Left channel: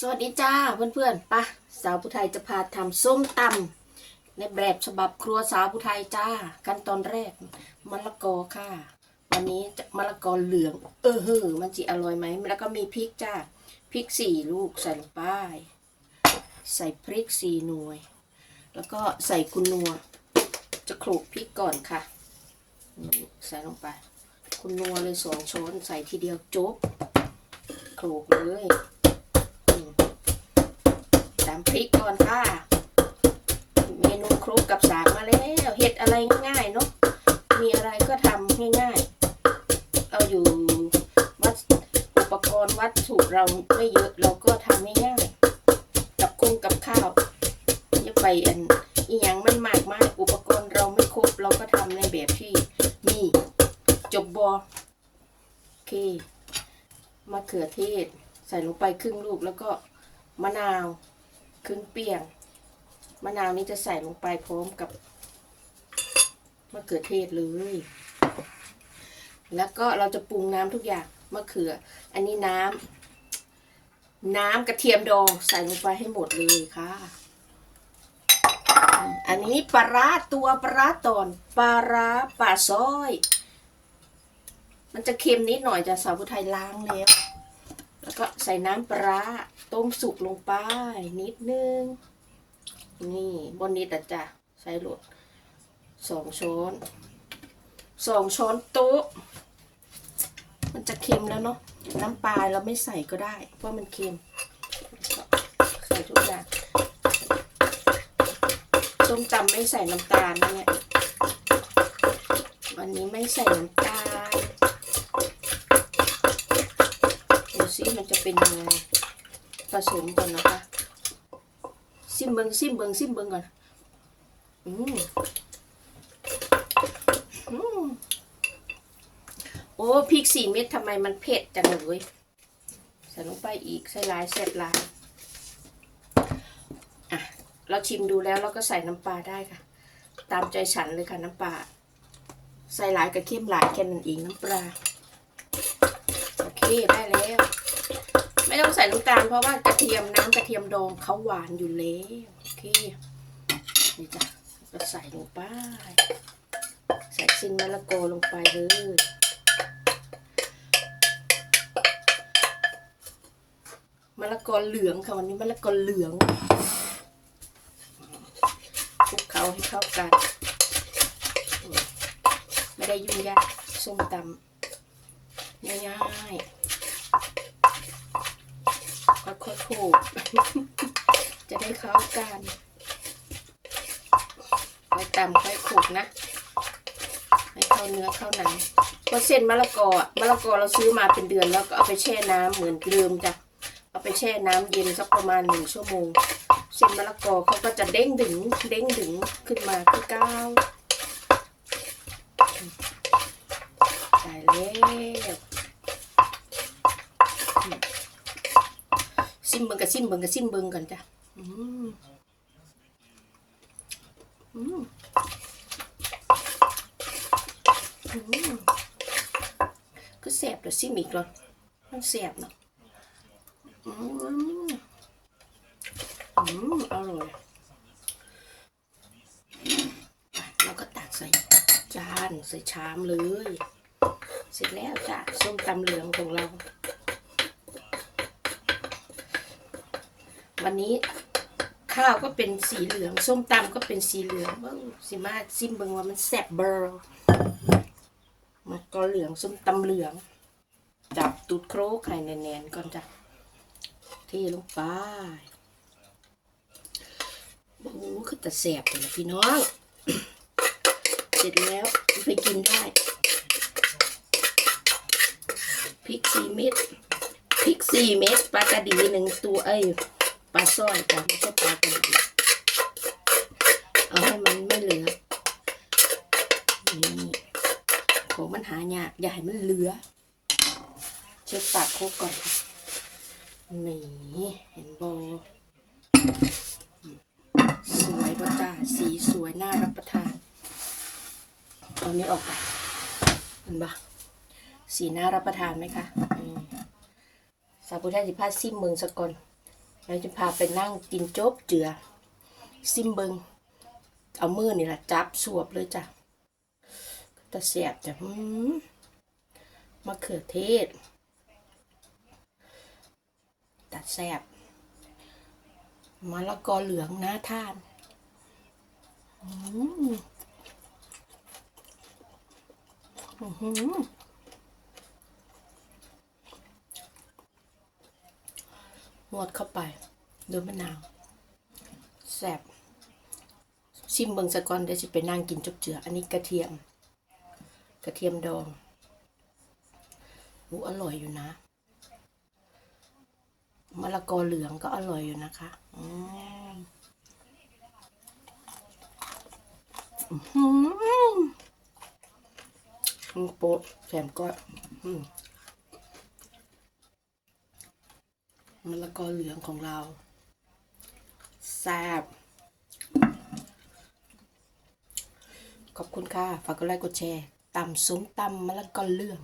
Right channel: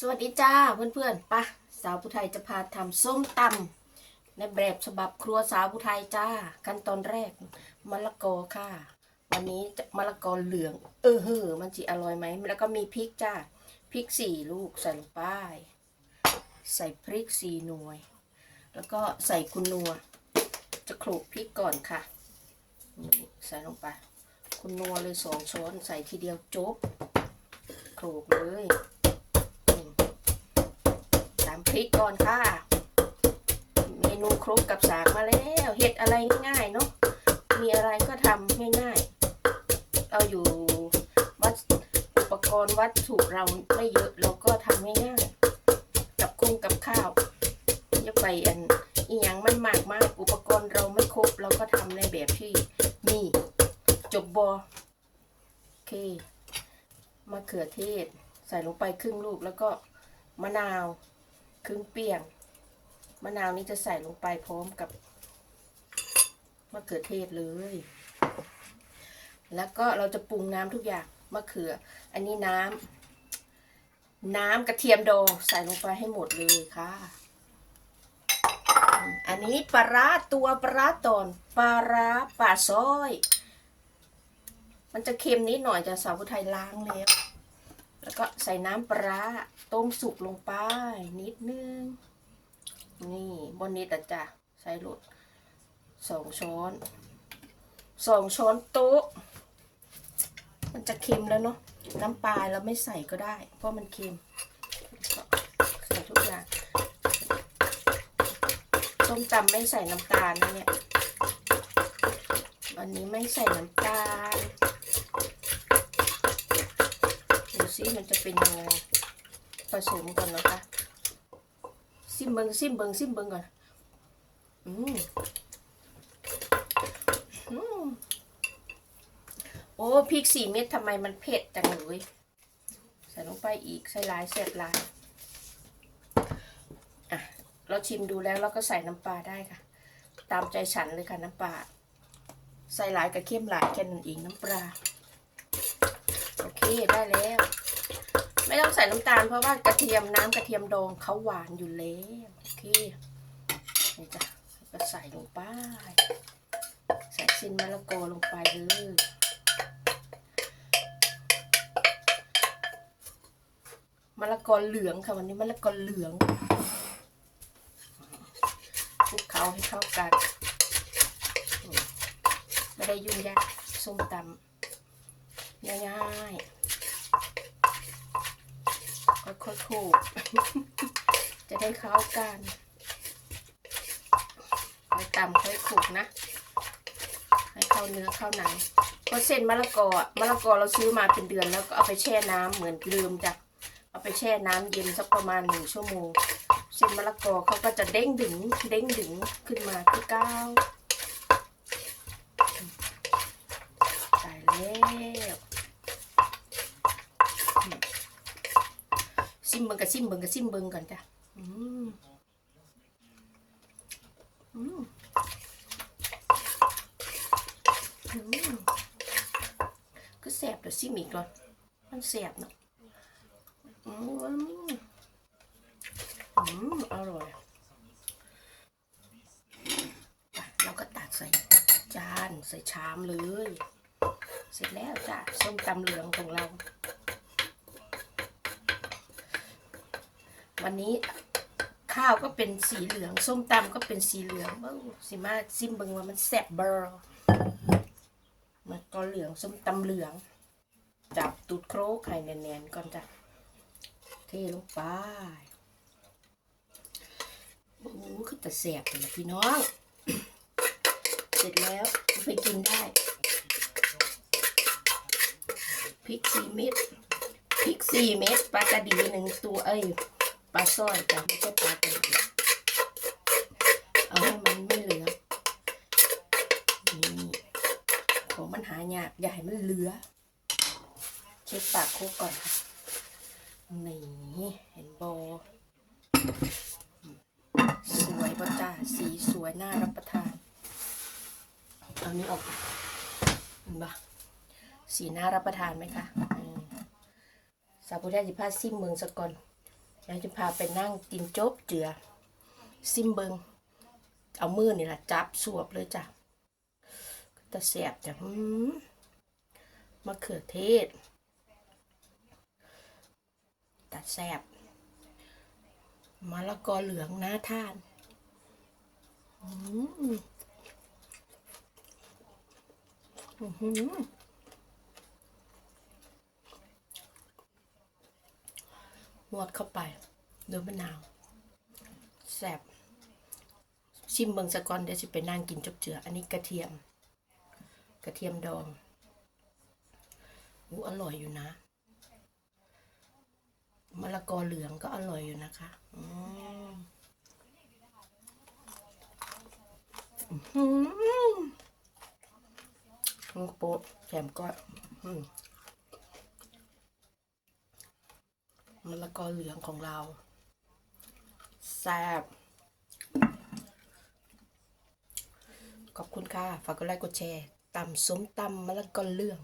สวัสดีจ้าเพื่อนๆปะสาวผู้ไทยจะพาทำส้มตำในแบบฉบับครัวสาวผู้ไทยจ้า ขั้นตอนแรกมะละกอค่ะ วันนี้จะมะละกอเหลือง เออเฮ้อมันจะอร่อยไหม แล้วก็มีพริกจ้าพริกสี่ลูกใส่ลงไปใส่พริกสี่หน่วย แล้วก็ใส่กุนนัว จะโขลกพริกก่อนค่ะนี่ใส่ลงไป คุณนัวเลยสองช้อนใส่ทีเดียวจุ๊บโขลกเลย ตามพริกก่อนค่ะ เมนูครกกับสากมาแล้วเห็ดอะไรง่ายๆเนาะมีอะไรก็ทำง่ายๆ เราอยู่วัดอุปกรณ์วัตถุเราไม่เยอะเราก็ทำง่ายๆ กับคุ้งกับข้าวอย่าไปอันอีหยังมันมากมากอุปกรณ์เราไม่ครบเราก็ทำในแบบที่มีจบบอโอเคมะเขือเทศ ใส่ลงไปครึ่งลูกแล้วก็มะนาว ครึ่งเปียง มะนาวนี้จะใส่ลงไปพร้อมกับมะเขือเทศเลย แล้วก็เราจะปรุงน้ำทุกอย่างมะเขือ อันนี้น้ำน้ำกระเทียมดองใส่ลงไปให้หมดเลยค่ะ อันนี้ปลาร้าตัวปลาร้าตอนปลาร้าป่าซอย มันจะเค็มนิดหน่อยจะสาวผู้ไทยล้างแล้ว แล้วก็ใส่น้ำปลาต้มสุกลงไป นิดนึง นี่บนนี้แต่จะใส่ลดสองช้อนสองช้อนโต๊ะ มันจะเค็มแล้วเนาะน้ำปลาเราไม่ใส่ก็ได้ เพราะมันเค็ม ใส่ทุกอย่างส้มตำไม่ใส่น้ำตาลนะเนี่ยวันนี้ไม่ใส่น้ำตาลดูซิ มันจะเป็นยังไงผสมก่อนนะคะซิมเบิงซิมเบิงซิมเบิงก่อนอืมอืมโอ้พริกสี่เม็ดทำไมมันเผ็ดจังเลยใส่ลงไปอีกใส่หลายเสร็จลายอะเราชิมดูแล้วเราก็ใส่น้ำปลาได้ค่ะ ตามใจฉันเลยค่ะน้ำปลาใส่หลายกับเข้มหลายแค่นั้นเองน้ำปลาโอเคได้แล้ว ไม่ต้องใส่น้ำตาลเพราะว่ากระเทียมน้ำกระเทียมดองเขาหวานอยู่แล้วโอเคนี่จ้ะก็ใส่ลงไป ใส่ชิ้นมะละกอลงไปเลยมะละกอเหลืองค่ะวันนี้มะละกอเหลืองคลุกเคล้าให้เข้ากัน ไม่ได้ยุ่งยากส้มตำง่ายๆ ค่อยๆถูก จะได้เข้ากันค่อยตำค่อยขูกนะ ให้เข้าเนื้อเข้าหนังเพราะเส้นมะละกอมะละกอเราซื้อมาเป็นเดือนแล้วก็เอาไปแช่น้ำเหมือนเดิมจ้ะเอาไปแช่น้ำเย็นสักประมาณหนึ่งชั่วโมง เส้นมะละกอเขาก็จะเด้งดึงเด้งดึงขึ้นมาคือก้าวตายแล้ว ซิมเบิงกับซิมเบิงกับซิมเบิงก่อนจ้ะอืมอืมอืมก็แสบเดี๋ยวซิมอีกก่อนมันแสบเนาะอืมอืมอร่อยเราก็ตักใส่จานใส่ชามเลย เสร็จแล้วจ้ะส้มตำเหลืองของเรา วันนี้ข้าวก็เป็นสีเหลือง ส้มตำก็เป็นสีเหลืองเบ้าสิมาซิมเบิ้งว่ามันแซ่บเบอร์มันก็เหลืองส้มตำเหลืองจับตูดโครกไข่แน่นๆก่อนจ้ะเทลงไปโอ้คือแต่แซ่บเลยนะพี่น้อง เสร็จแล้วไปกินได้พริกสี่เม็ดพริกสี่เม็ดปลากระดีหนึ่งตัวเอ้ย ลาสร้อยจ้ะไม่ใช่ปลากระดีเอาให้มันไม่เหลือนี่ของมันหายากอย่าให้มันเหลือ เช็ดปากโคกก่อนค่ะนี่เห็นโบสวยป่ะจ้าสีสวยน่ารับประทานเอานี้ออกไปเห็นปะสีน่ารับประทานไหมคะสาวพุทธาสิพาซิมเมืองสกอน เราจะพาไปนั่งกินโจ๊บเจือ ซิมเบิง เอามือนี่แหละจับสวบเลยจ้ะตะแสบจ้ะมะเขือเทศตะแสบมะละกอเหลืองน่าทานอืมอื้อหือน วดเข้าไปด้วยมะนาวแซบชิมเบิงสะก่อนเดี๋ยวสิไปนั่งกินจุกเจือ อันนี้กระเทียม กระเทียมดองอูอร่อยอยู่นะมะละกอเหลืองก็อร่อยอยู่นะคะอื้อหือโป๊ะแถมก็อืม มะละกอเหลืองของเราแซ่บขอบคุณค่ะ ฝากกดไลค์กดแชร์ตำสมตำมะละกอเหลือง